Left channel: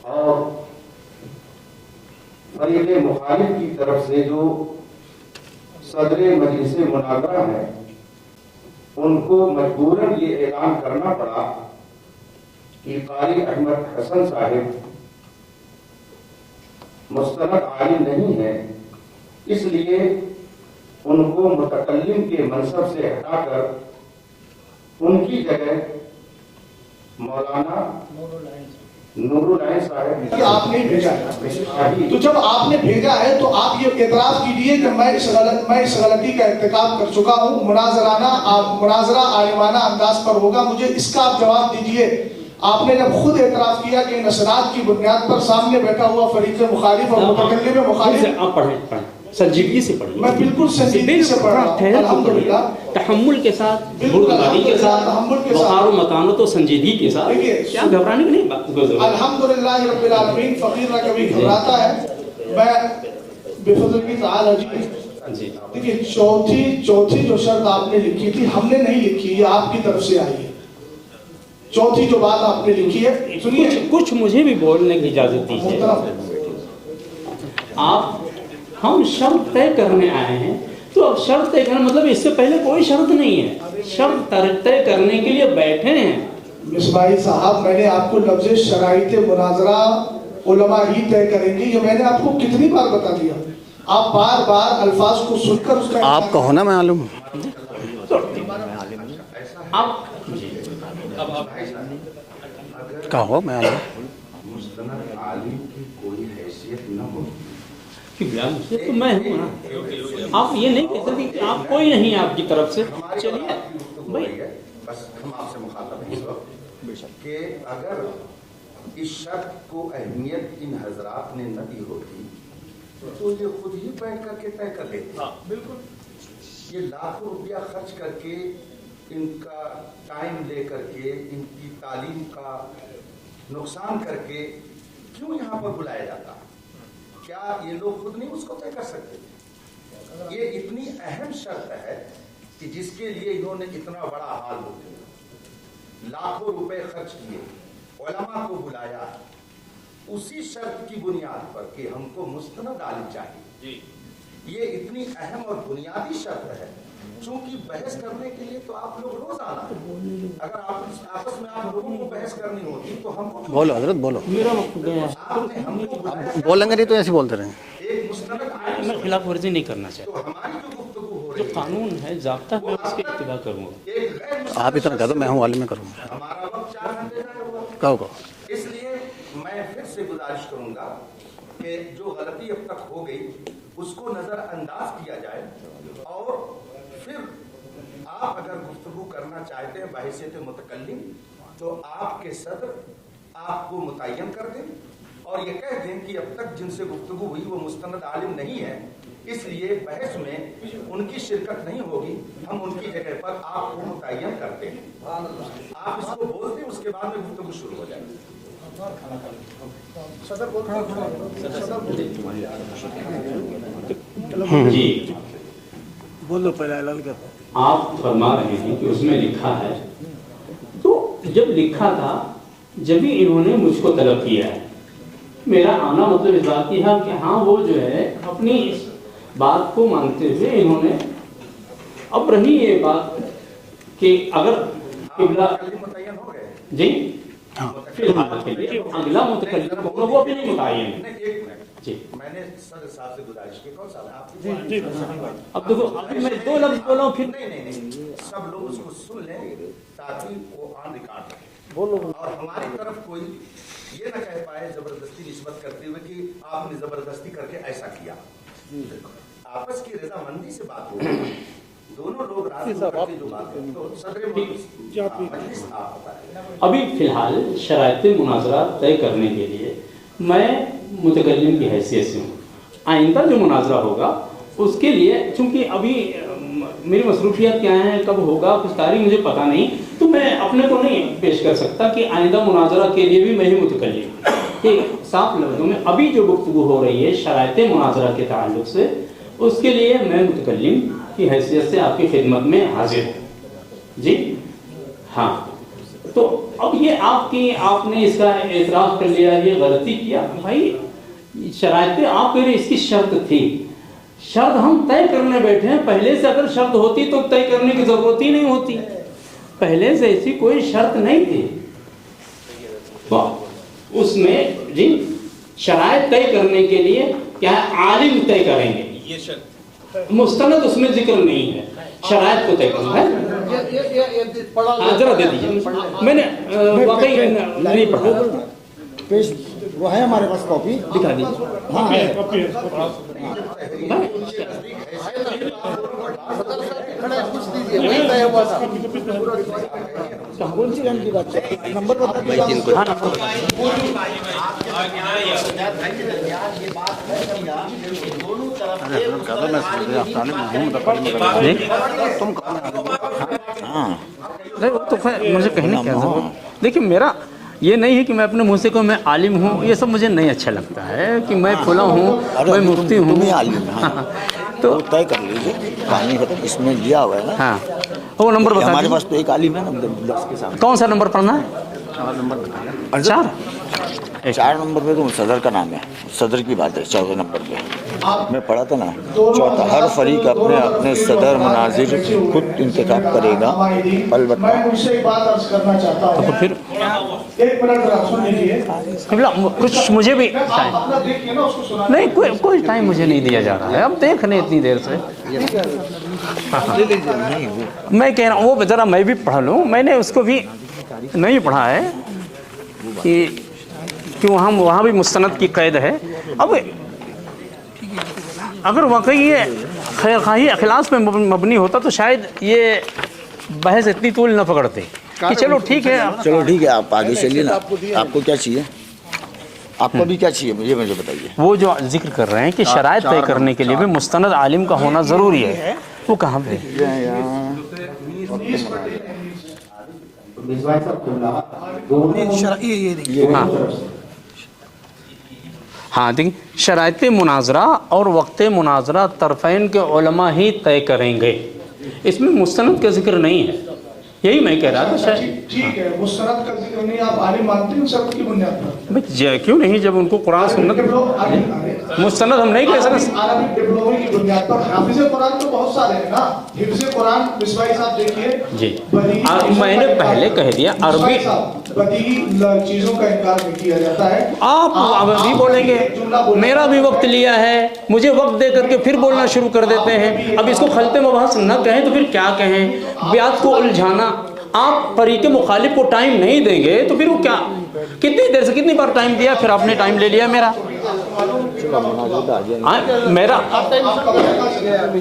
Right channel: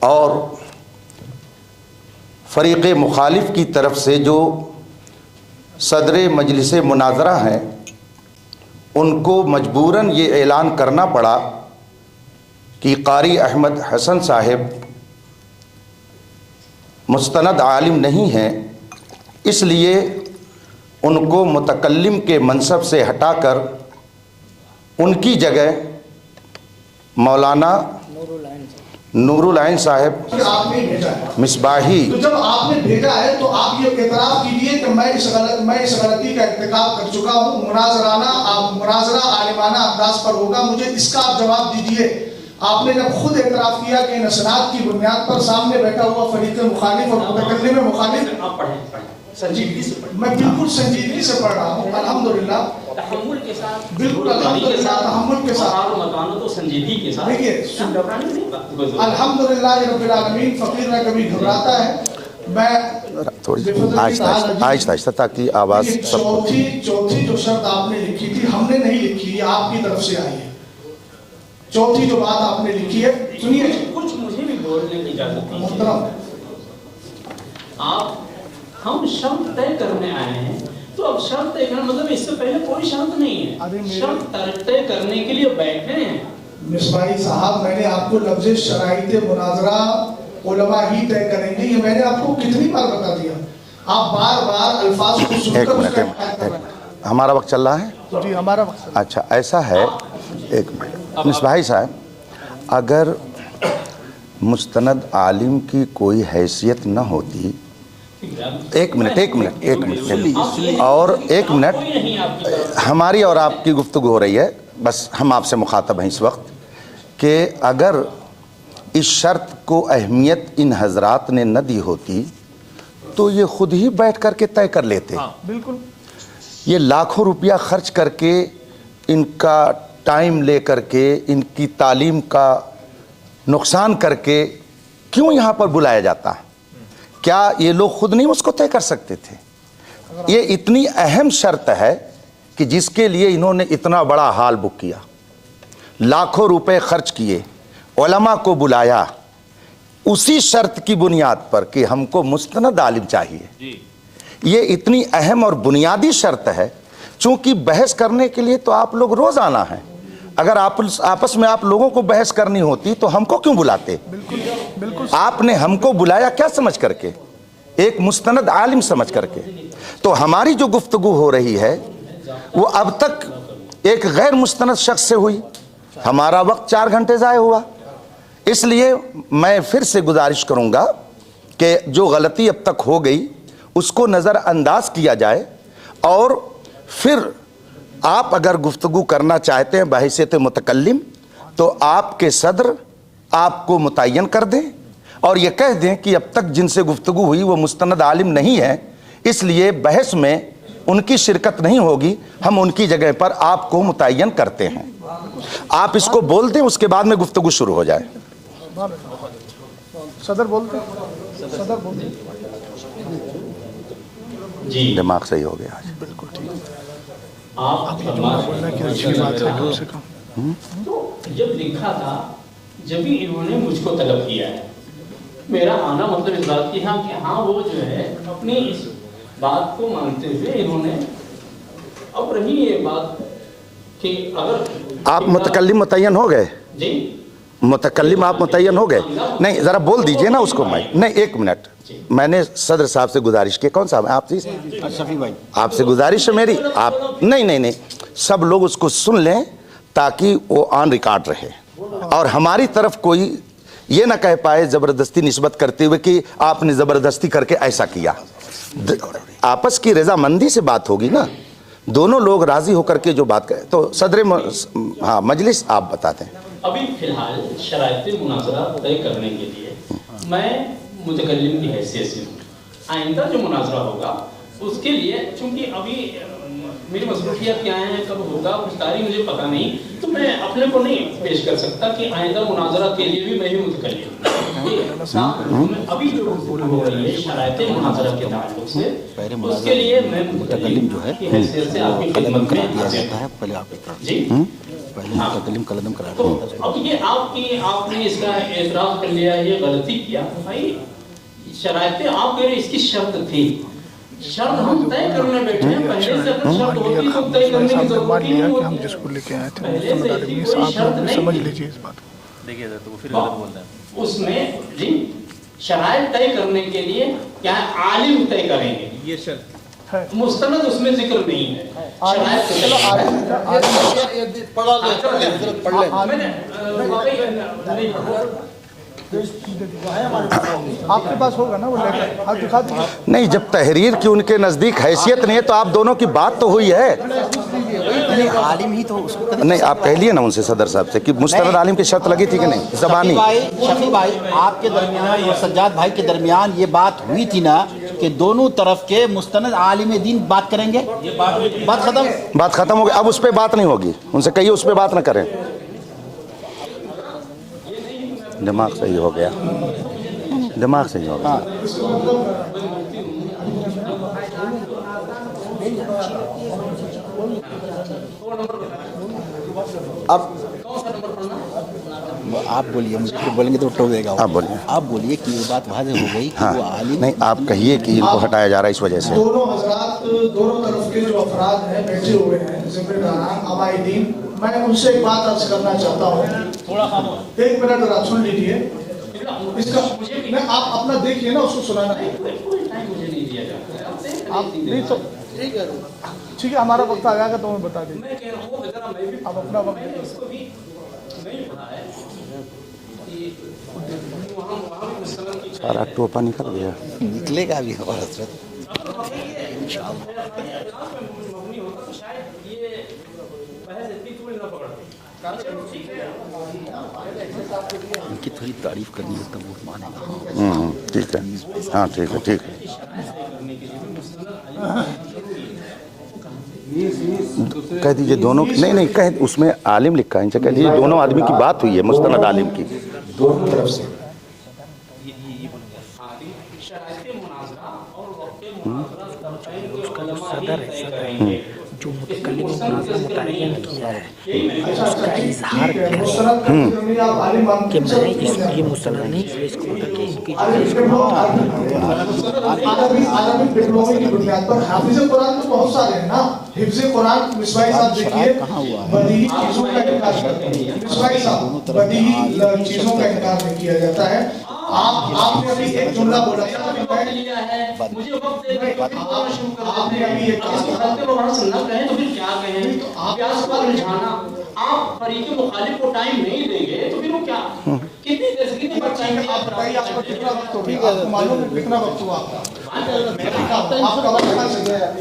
اور فریق مخالف کی طرف سے جو صدر مجلس مناظرہ ہیں ان کو مجبوراً یہ اعلان کرنا پڑا کہ قاری احمد حسن صاحب مستند عالم نہیں ہیں، اس لیے ان کو متکلم کے منصب سے ہٹا کر ان کی جگہ مولانا نور العین صاحب مصباحی۔ تو جب آپ نے بھیجا ہے تو آپ یہ اعتراف کیجئے کہ میں اس غلطی کا ارتکاب کر چکا ہوں، مناظرہ عالمانہ انداز پر ہوگا، مجھے اس کا آپ جواب دیجئے۔ آپ نے جب خود اعتراف کیا کہ نصرات کی بنیاد پر سامنے بیٹھا ہوا فریق مخالف اور متکلم مخالف، آپ پڑھیں سنجیدگی سے پڑھیں، میں بالکل سنجیدگی سے پڑھ رہا ہوں الحمدللہ، تحمل کے ساتھ، بالکل تحمل کے ساتھ، تحمل کے ساتھ، بخار و مکانت و سنجیدگی کے ساتھ، کیا گھبرانے کی نہیں؟ الحمدللہ رب العالمین، فقیر میں کبھی گھبراتا ہے۔ میں آہستہ تاکہ آواز چوتھی جو شرط آپ نے لکھی تھی ہم نے نہیں لکھی، یہ آپ کی طرف سے آئی ہے۔ چوتھی جو بات آپ نے لکھی ہے، سنیے، کچھ مجھے بھی بولنے کی اجازت دیجیے۔ آپ ہم شرط طے کرنے آئے ہیں، تو اب شرط طے کرنا مطلب اس سے پہلے کوئی شرط نہیں ہے، شرط طے کرنے کے لیے بیٹھے ہیں۔ مصباحی صاحب، میں نے آپ کو لفظ شرائط مناظرہ علماء ہی طے کریں گے، یہ میں نے آپ کو کتنی بار بتا دیا، آپ بار بار الفاظ کو سن کر آپ کو ہونا معلوم ہمارا وقت چل رہا ہے؟ جی ہمارا۔ اچھا ایسا ہے، ایک منٹ مصباحی صاحب، اگر مستند عالم کی کوئی حیثیت نہ ہوتی، ایک منٹ اور ایک منٹ، ہماری اور آپ کی گفتگو ہو رہی ہے، بس ہم آپ سے مخاطب ہیں اس وقت، کہ اگر اس شرط کو اہمیت ان حضرات نے نہ دی ہوتی تو یہ خود ہی بیٹھ کر کے طے کر لیتے۔ یہ لاکھوں روپیہ خرچ کر کے، ان کا ٹائم لے کر کے، ان کی تعلیم کا نقصان کر کے کیوں یہاں پر بلایا جاتا ہے؟ کیا یہ لوگ خود نہیں اس کو طے کر سکتے تھے؟ یہ اتنی اہم شرط ہے کہ جس کے لیے انہوں نے اتنا بڑا ہال بک کیا، لاکھوں روپے خرچ کیے، علماء کو بلایا، اسی شرط کی بنیاد پر کہ ہم کو مستند عالم چاہیے۔ یہ اتنی اہم اور بنیادی شرط ہے، چونکہ بحث کرنے کے لیے تو آپ لوگ روز آنا ہے، اگر آپس میں آپ لوگوں کو بحث کرنی ہوتی تو ہم کو کیوں بلاتے؟ آپ نے ہم کو بلایا کیا سمجھ کر کے؟ ایک مستند عالم سمجھ کر کے۔ تو ہماری جو گفتگو ہو رہی ہے وہ اب تک ایک غیر مستند شخص سے ہوئی، ہمارا وقت 4 گھنٹے ضائع ہوا۔ اس لیے میں پھر سے گزارش کروں گا کہ جو غلطی اب تک ہو گئی اس کو نظر انداز کیا جائے، اور پھر آپ اگر گفتگو کرنا چاہتے ہیں بحیثیت متکلم تو آپ کے صدر آپ کو متعین کر دیں اور یہ کہہ دیں کہ اب تک جن سے گفتگو ہوئی وہ مستند عالم نہیں ہے، اس لیے بحث میں ان کی شرکت نہیں ہوگی، ہم ان کی جگہ پر آپ کو متعین کرتے ہیں۔ آپ اس کو بول دیں، اس کے بعد میں گفتگو شروع ہو جائے۔ صدر بول جی دماغ صحیح ہو گیا۔ آپ فرما رہے ہیں تو جب لکھا تھا، جب ہی انہوں نے مجھ کو طلب کیا ہے، میرا آنا مطلب اس بات کی ہے کہ ہاں وہ جو ہے اپنی اس بات کو مانتے ہوئے انہوں نے اب رہی یہ بات کہ اگر آپ متکلم متعین ہو گئے؟ جی متکلم آپ متعین ہو گئے؟ نہیں ذرا بول دیجئے نا اس کو۔ نہیں ایک منٹ، میں نے صدر صاحب سے گزارش کی، کون صاحب ہیں آپ؟ آپ سے گزارش ہے میری، آپ نہیں سب لوگ اس کو سن لیں تاکہ وہ آن ریکارڈ رہے، اور ہماری طرف کوئی یہ نہ کہہ پائے زبردستی نسبت کرتے ہوئے کہ آپ نے زبردستی کر کے ایسا کیا۔ آپس کی رضامندی سے بات ہوگی نا، دونوں لوگ راضی ہو کر کے جو بات کریں۔ تو صدر مجلس آپ بتاتے ہیں۔ ابھی فی الحال شرائط مناظرہ طے کرنے کے لیے میں متکلم کی حیثیت سے ہوں، آئندہ جو مناظرہ ہوگا اس کے لیے چونکہ ابھی میری مصروفیات کیا ہیں، کب ہوگا، کچھ تاریخ مجھے پتہ نہیں، تو میں اپنے کو نہیں پیش کر سکتا کہ آئندہ مناظرہ کے لیے بھی میں ہی متکلم صاف لفظوں میں ابھی جو گفتگو ہو رہی ہے شرائط مناظرہ کے تعلق سے، اس کے لیے میں متکلم کی حیثیت سے آپ کی خدمت میں حاضر ہوں۔ جی हाँ, तो अब ये आपने इसका एतराज कर लिया, ये गलती किया भाई। शरायतें आप कह रहे इसकी शर्त थी, शर्त हम तय करने बैठे हैं। पहले से अगर शर्त होती तो तय करने की जरूरत ही नहीं होती, पहले से ऐसी कोई शर्त नहीं थी। उसमें जिन शरायत तय करने के लिए क्या है, आलिम तय करेंगे, ये शर्त मुस्तनद उसमें जिक्र नहीं है। शरायत तो मैंने वाकई नहीं पढ़ा, नहीं, जब तहरीर की उनके नज़दीक हैसियत नहीं है तो आप दोनों की बात तो हुई है। नहीं, आप कह लिए ना उनसे सदर साहब से कि मुस्तनद आलिम की शर्त लगी थी कि नहीं, ज़बानी। शफी भाई आपके दरमियान, सज्जाद भाई के दरमियान ये बात हुई थी ना कि दोनों तरफ के मुस्तनद आलिम दीन बात करेंगे, बात खत्म हो गई, अब उस पर बात नहीं होगी। उनसे कहिए उस पर बात न करें। मुझे कहने क्या जरूरत। देखिए, मेरा ये नहीं है कि मैं अपने मुँह से कहूँ मैं आलिम हूँ, ये सब मुझे नहीं अच्छा लगता है कि मैं फुला हूँ, मैं मुफ्ती हूँ। तो तय कर लीजिए, इसमें दिया हुआ है ना। हाँ, वो नंबर बता, हमारे पास तो एक आलिम है। कौन सा नंबर पढ़ना है? आप अच्छा, बोलेंगे तो ठोकेगा। सदर का नाम है, सदर की बात है। नहीं, आप कहिए कि इनको हटाया जा रहा है इस वजह से। हर फरीक अपने अपने सदर मुनाजिर खुद इंतखाब करेगा। मैं उनसे एक बात अर्ज करना चाहता हूँ, फिर एक मिनट जरा सुन लीजिए। कुछ मुझे भी आप अपना देखिए ना, उसको सुना नहीं, कोई टाइम मुझे नहीं दिया जा रहा है। अब देख रहे इतनी देर से, मैं कह रहा हूँ वो जरा मैं भी पढ़ लूँ। मैंने उसको भी नहीं पढ़ा है कि वहाँ भी मुस्तनद की कैद है। अब अगर वाकई ये खैर खाही अखलास पे मबनी होता तो शायद ये बहस इतनी तूल न पकड़ते कि चलो ठीक है, आप आगे चलिए ना। आपको क्या चाहिए, आपको भी क्या चाहिए? मुझे वो जो जिक्र कर रहे हैं कि शरायत तय करने के लिए भी मुस्तनद आलिम का होना ज़रूरी है, वो कहाँ पे? कह दीजिए दोनों की, नहीं कह, उसमें आलिम लिखा है, इनसे कह दीजिए दोनों आदमी की बात हुई है मुस्तनद आलिम की। हाँ, देखिए, शरायत मुनाजरा और वक्त मुनाजरा तरफ़ैन के उलमा ही तय करेंगे, इसमें मुस्तनद का जिक्र नहीं है। यही मैं कह रहा था। क्यों नहीं, जब उनको कुरान मुस्तनद हम नहीं कह सकते। अरबिक डिप्लोमे की बुनियाद पर हाफिज़ कुरान तो बहुत सारे हैं ना। हिफ्ज़ कुरान मिसवाई साहब देखिए, मैंने पहले कह दिया, अरबी बदीही चीजों का इनकार नहीं किया जाता है। आप अभी बोलेंगे मेरा भी वक्त लिया है, मुझे वक्त दे करके फिर बोलना शुरू कर देते हैं। अब इसको खत्म मबहस न कहें तो फिर क्या कहें? ब्याज को उलझाना, आप फरीक मुखालिफ को टाइम नहीं देंगे तो फिर वो क्या, कितनी देर से कितनी बार टाइम दिया, फिर आपने टाइम ले लिया मेरा।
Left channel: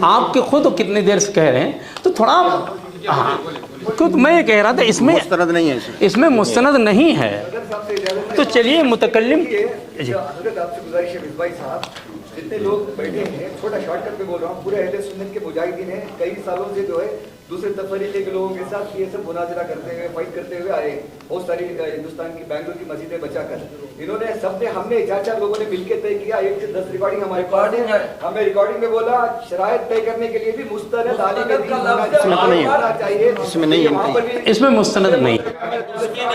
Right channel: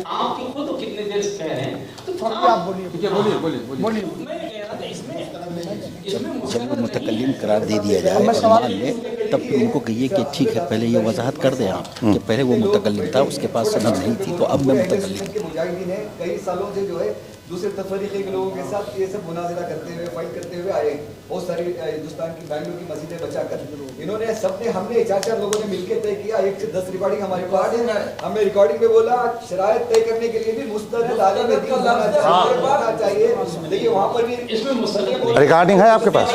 आपके खुद कितनी देर से कह रहे हैं, तो थोड़ा क्यों मैं ये कह रहा था इसमें मुस्तनद नहीं है, इसमें मुस्तनद नहीं है। तो चलिए मुतकल्लिम को कहिए कि ठीक है, पहले ये वजाहत कर दें कि पहले वो मुतकल्लिम था, उसके पास सनद नहीं थी, तो अब मैं मुतकल्लिम। मुजाहिदीन है कई सालों से जो है दूसरे तफरीके के लोगों के साथ ये सब मुनाजरा करते हुए, फाइट करते हुए आए। बहुत सारी हिंदुस्तान की बैंगलोर की मस्जिदें बचाकर इन्होंने सबने, हमने 4 लोगों ने मिलकर तय किया, 1 से 10 रिकॉर्डिंग हमारे पास है। हमें रिकॉर्डिंग में बोला शरायत तय करने के लिए भी मुस्तनद आलिम दीन होना चाहिए। इसमें नहीं है, इसमें मुस्तनद नहीं। रिकॉर्डिंग है आपके पास?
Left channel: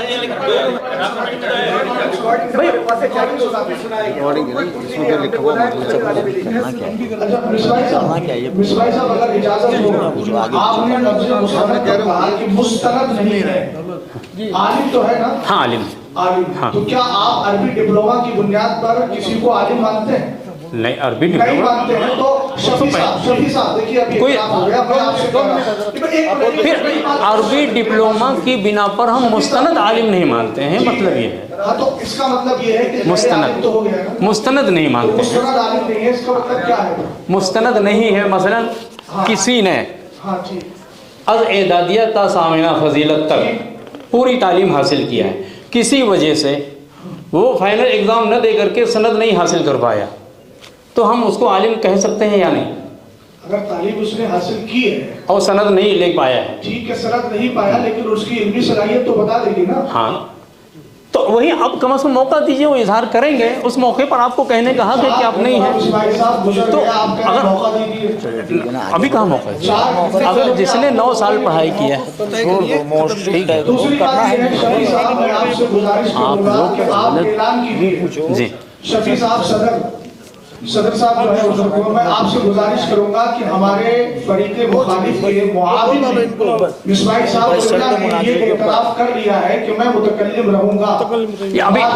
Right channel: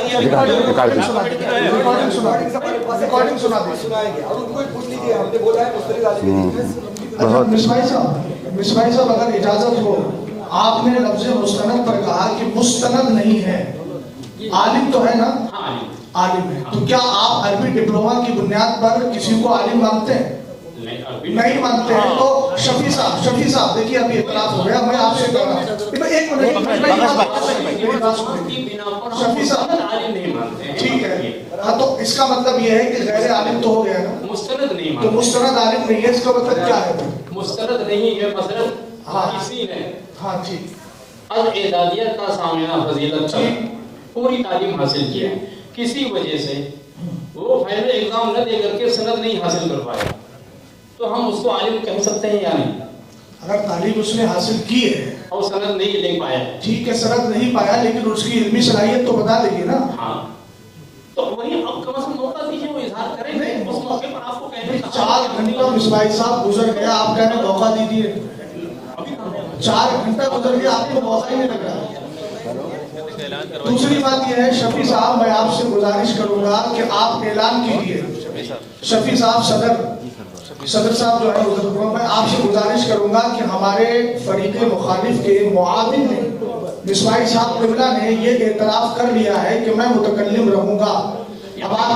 आपने लफ्ज़ मुस्तनद कहा कि मुस्तनद नहीं है, आलिम तो है ना? हाँ, आलिम। हाँ। तो क्या आप अरबी डिप्लोमा की बुनियाद पर किसी को आलिम मानते हैं? नहीं, अरबी नहीं मानते हैं तो शफी साहब देखिए, अभी इख्तिलाफ हो गया। मैं आपसे कह रहा हूं अरबी डिप्लोमा की बिना पर हम मुस्तनद आलिम नहीं मानते हैं, मतलब ये। हाँ, तो इसका मतलब ये है कि मेरे आलिम तो हो गया ना? मुस्तनद नहीं तो मानते, मुस्तनद आलिम नहीं है, इसका मतलब क्या है? मुस्तनद नहीं है। मसलन किसी ने अल-एदादिया ता सामिना फजीलत तक पूरी तालीम हासिल किया है, किसी वजह से वो फाइनल एग्जाम न दे करके सनद नहीं हासिल कर पाया, तो हम उसको आलिम कह सकते हैं या नहीं? अगर तालीम उसने हासिल की है और सनद नहीं ले पाया है, ठीक है, सनद नहीं पाया, लेकिन उसकी इल्मी सलाहियत तो बता देगी ना। हाँ, तो वही अब कम से कम मौका दीजिए, वो इजहार करेंगे, उस मौके पर आपको कहने का हक है कि आप नहीं है। तो अभी कहाँ मौका है? अगर जिसने 9 साल पढ़ाई की है, दूसरी बात ये है शफी साहब, मैं आपसे गुजारिश करूंगा कि आप ऐलान कीजिए। जी शफी साहब, सदर साहब जो है उधर, मैं आपसे गुजारिश करूंगा कि हमारे फरीक मुखालिफ के मुआविन मिसबाही साहब कुल्ला ने ये एतराफ कर लिया है कि मैं मुतकल्लिम रहूंगा। आप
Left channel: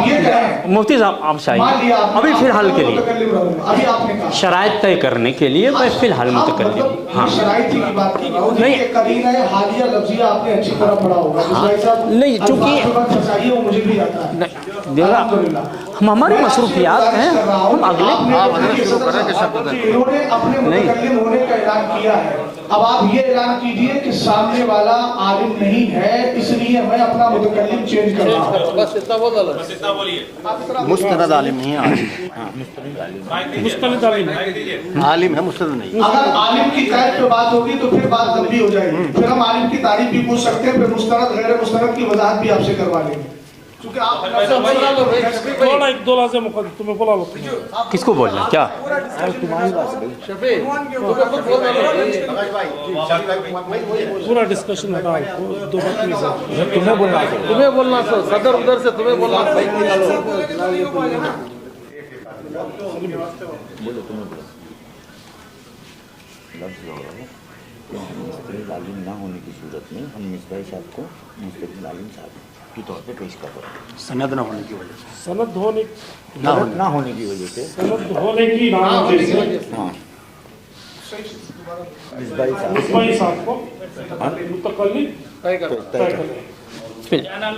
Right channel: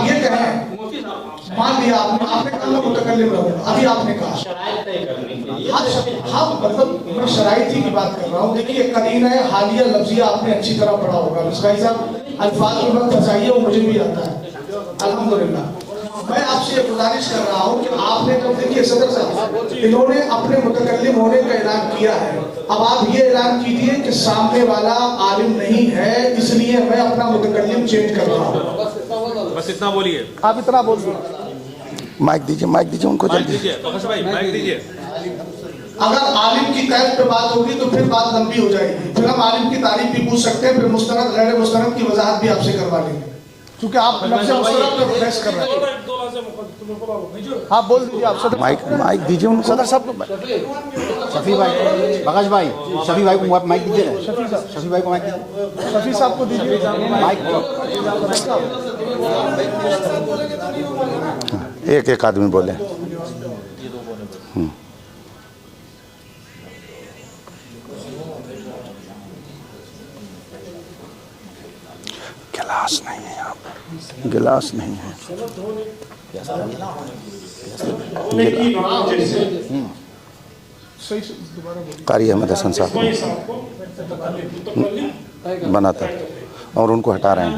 ये कहें मुफ्ती साहब, आप मान लिया अभी फिलहाल के लिए मुतकल्लिम रहूंगा, अभी आपने कहा शराइत तय करने के लिए मैं फिलहाल मुतकल्लिम। हाँ, शराइत की बात कर रहा हूँ। नहीं, करीना है हालिया लफ्जिया आपने अच्छी तरह पढ़ा होगा मिसबाही साहब। नहीं, चूंकि चाहिए वो मुझे भी आता है। हम हमारे मसरूफियात हैं, इन्होंने अपने मुतकल्लिम होने का ऐलान किया है। अब आप ये ऐलान कीजिए कि सामने वाला आलिम नहीं है, इसलिए मैं अपना मुतकल्लिम चेंज कर रहा हूँ। बस इतना बोलिए। आप इतना मुस्तनद आलिम नहीं है। माइक दीजिए उनको जल्दी। आलिम है, मुस्तनद नहीं। अगर आलिम की कैद पे बात होगी तो फिर बात लंबी हो जाएगी, फिर हम आलिम की तारीफ भी पूछ सकते हैं, फिर मुस्तनद गैर मुस्तनद की वजाहत भी आपसे करवा लेंगे, क्योंकि आप किसको बोलना क्या? माइक दीजिए उनको। सदर साहब को, शफी भाई, प्रकाश भाई, शफी भाई को माइक दीजिए। पूरा डिस्कशन शफी साहब को दीजिए। तुम्हें बोलना उधर से, तुम्हें बोलना। एक आदमी बोले। क्लास नहीं है, क्लास नहीं है, सनद होने ना होने की वजह से, होने की कारी अहमद हसन साहब बनाते हैं और उनको हटा रहे हैं।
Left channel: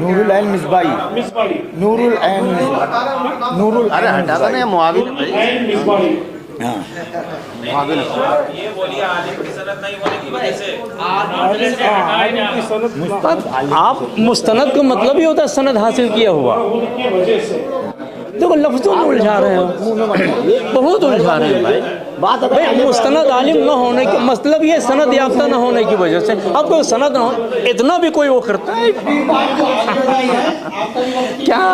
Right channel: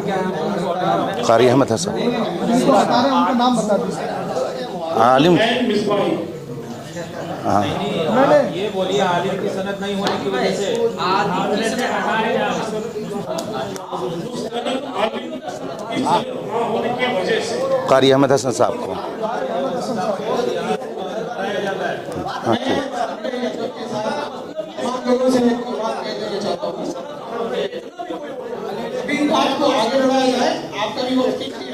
नूरुल ऐन मिसबाही, कारी अहमद हसन अरे हटा दो ना, मुआविन आलिम। ये बोलिए आलिम की सनद नहीं होने की वजह से आप मुस्तनद का मतलब ही होता है सनद हासिल किया हुआ। कारी अहमद हसन देखो साहब लफ्ज़ों में उलझा रहे हैं, बहुत उलझा रहे हैं भाई। बात है मुस्तनद आलिम न होने का मतलब ये सनद याफ्ता न होने की वजह से। अब कोई सनद न हो, इतना भी कोई वो करता है क्या?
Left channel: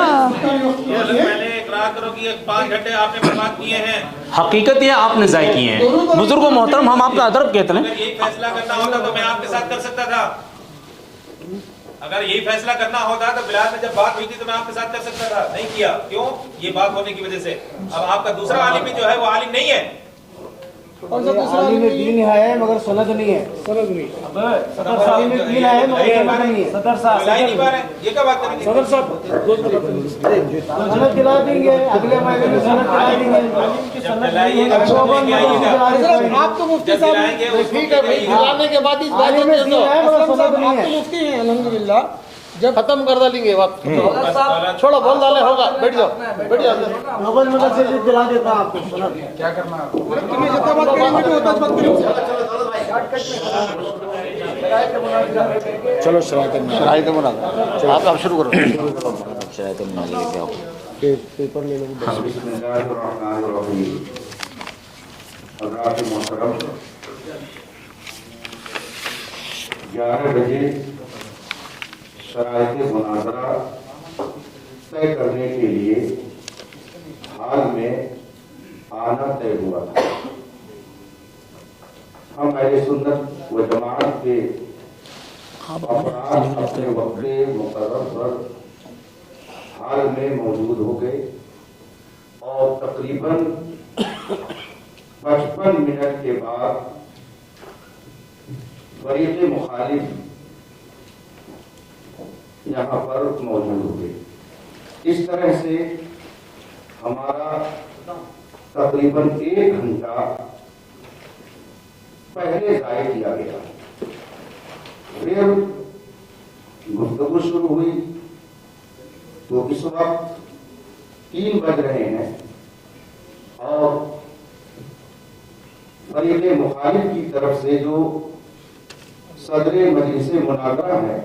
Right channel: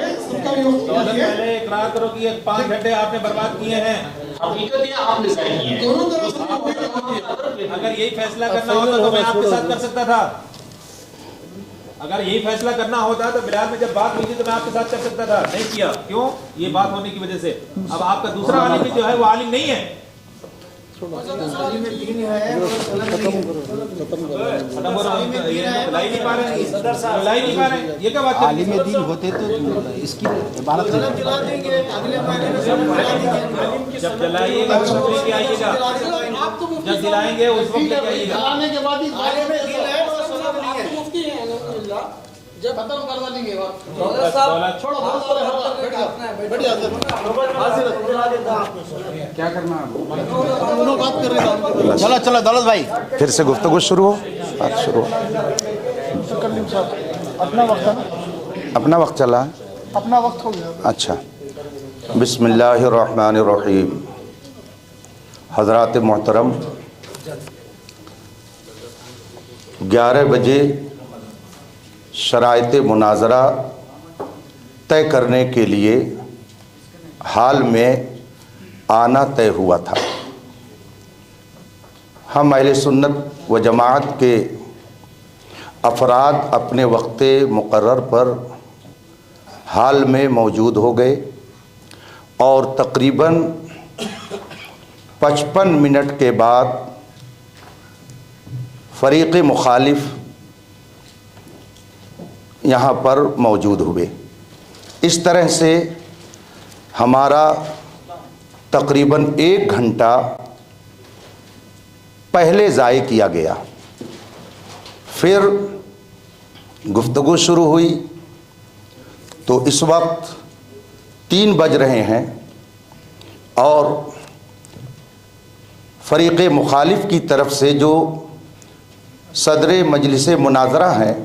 पहले इकरार करो कि 5 घंटे आपने बर्बाद किए हैं। हकीकत ये आपने ज़ाय किए हैं। बुजुर्गों मोहतरम, हम आपका अदब कहते हैं। अगर यही फैसला करना होता तो मैं आपके साथ कर सकता था। अगर यही फैसला करना होता तो बिलाल में जब बात हुई थी तो मैं आपके साथ कर सकता था, नहीं किया। क्यों? ये बात होने की वजह से। अब आपका दूसरा आलिम भी जो है वो आलिम नहीं है। आलिम में दीन है मगर सनद नहीं है। आलिम में दीन है मगर सनद नहीं है। सदर साहब मिला ही नहीं पा रहे, ये क्या बात है? होते तो सनद दिला देंगे, अगले महीने में सनद दिला देंगे। जब दिलाइएगा तो लेके आइएगा। आप तो मुफ्ती जब दिलाएंगे उसको लेके आइएगा। दिलाने के बाद इस आलिम में दीन है मगर सनद नहीं है। मुफ्ती हैं अल्हम्दुलिल्लाह, जब खत्म कर डालेंगे बात छोड़ो, बोल डाले होगा, बैठ जाओ, बैठ जाओ। दिला देता आपको क्या करना है। चलो चलो दौलत भाई, फिर से गुफ्तगू शुरू हो। शुरू चलो आप शुरू करो। अपना वक्त चला। अच्छा, बिस्मिल्लाहिर्रहमानिर्रहीम। हज़रात मोहतरम, 11 बजे शराइत मुनाजरा तय करने के लिए हाल में आना तय हुआ था। हम अहले सुन्नत व जमात के अफराद अपने वक्त मुकर्रर पर हाल में मौजूद हो गए और तकरीबन 55 मिनट के बाद फ़रीक़ मुखालिफ यहाँ पर मौजूद हुए। इस तरह से हमारा तकरीबन 1 घंटा पहले ज़ाय किया गया। फिर गुफ्तगू शुरू हुई तो इस वक्त 3 बज रहे हैं और फ़रीक़ मुखालिफ की तरफ से जो सदर मजलिस मुनाजरा हैं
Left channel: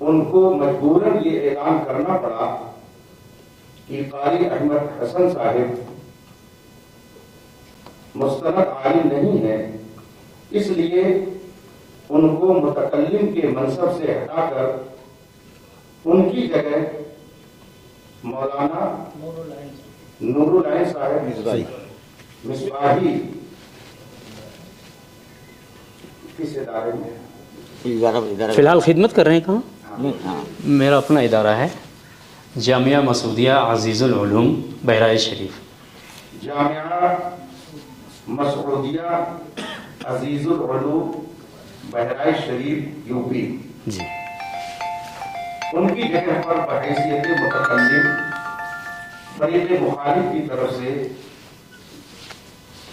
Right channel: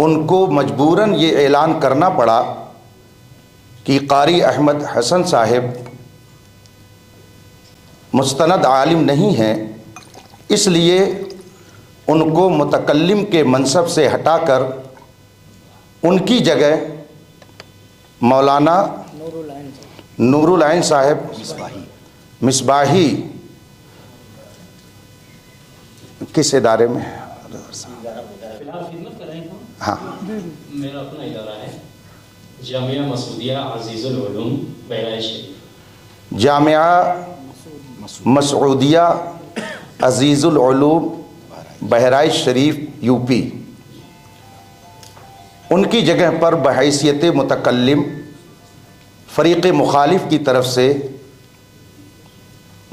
उनको मजबूरन ये ऐलान करना पड़ा कि कारी अहमद हसन साहिब मुस्तनद आलिम नहीं हैं, इसलिए उनको मुतकल्लिम के मनसब से हटाकर उनकी जगह मौलाना नूरुल आइन साहब मिसबाही किस इदारे में? फिलहाल खिदमत कर रहे हैं कहाँ? हाँ, मेरा अपना इदारा है जामिया मसूदिया अजीज़ुल उलूम बहराइच शरीफ। जामिया मसूदिया अजीज़ुल उलूम बहराइच शरीफ यूपी जी। उनकी जगह पर बहैसियत मुतकल्लिम फ़रीक़ मुखालिफ की तरफ से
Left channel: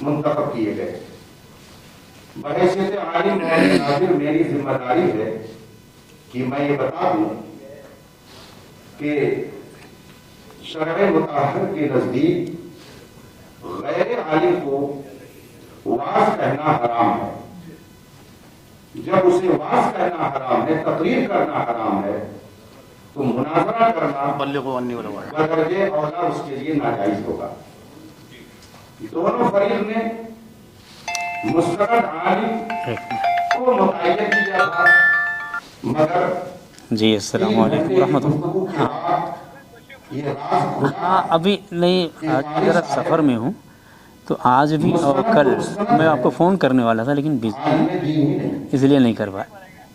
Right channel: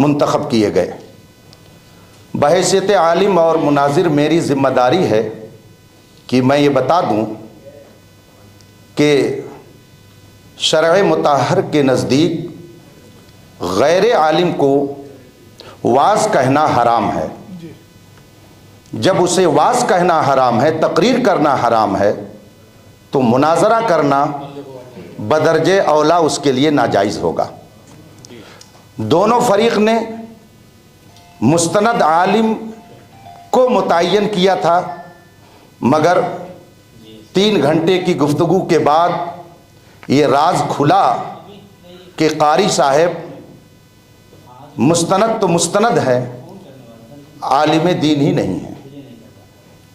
मुंतखब किए गए। बहैसियत आलिम और मुनाजिर मेरी ज़िम्मेदारी है कि मैं ये बता दूं कि शरअ मुताहर के नज़दीक गैर आलिम को वाज़ कहना हराम है। जब उसे वाज़ कहना हराम है, तकरीर करना हराम है, तो मुनाजरा करना बदरजे औला उसके लिए नाजायज़ होगा। दोनों फरीक ने मुस्तनद आलिम को मुतय्यन किया था, मगर 3 घंटे की गुफ्तगू के बाद ये राज खुला अभी नहीं कि कारी साहब में हूँ, तो आज मुस्तनद तो मुस्तनद है, आपको फोन करने वाला था लेकिन आलिम दीन ही नहीं है, इसलिए नहीं कर पाया।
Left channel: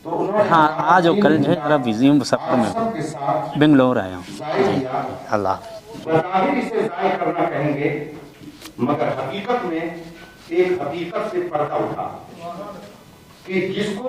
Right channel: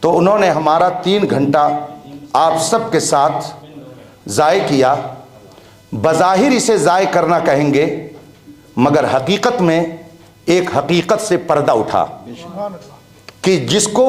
तो उन्होंने हमारा आज 3 घंटा बिजी आप सब के साथ बेंगलोर आया हूँ। ज़ाय किया। बज़ाहिर इसे ज़ाय करना कहेंगे, मगर हकीकत में एक हकीकत से पर्दा उठा कि जिसको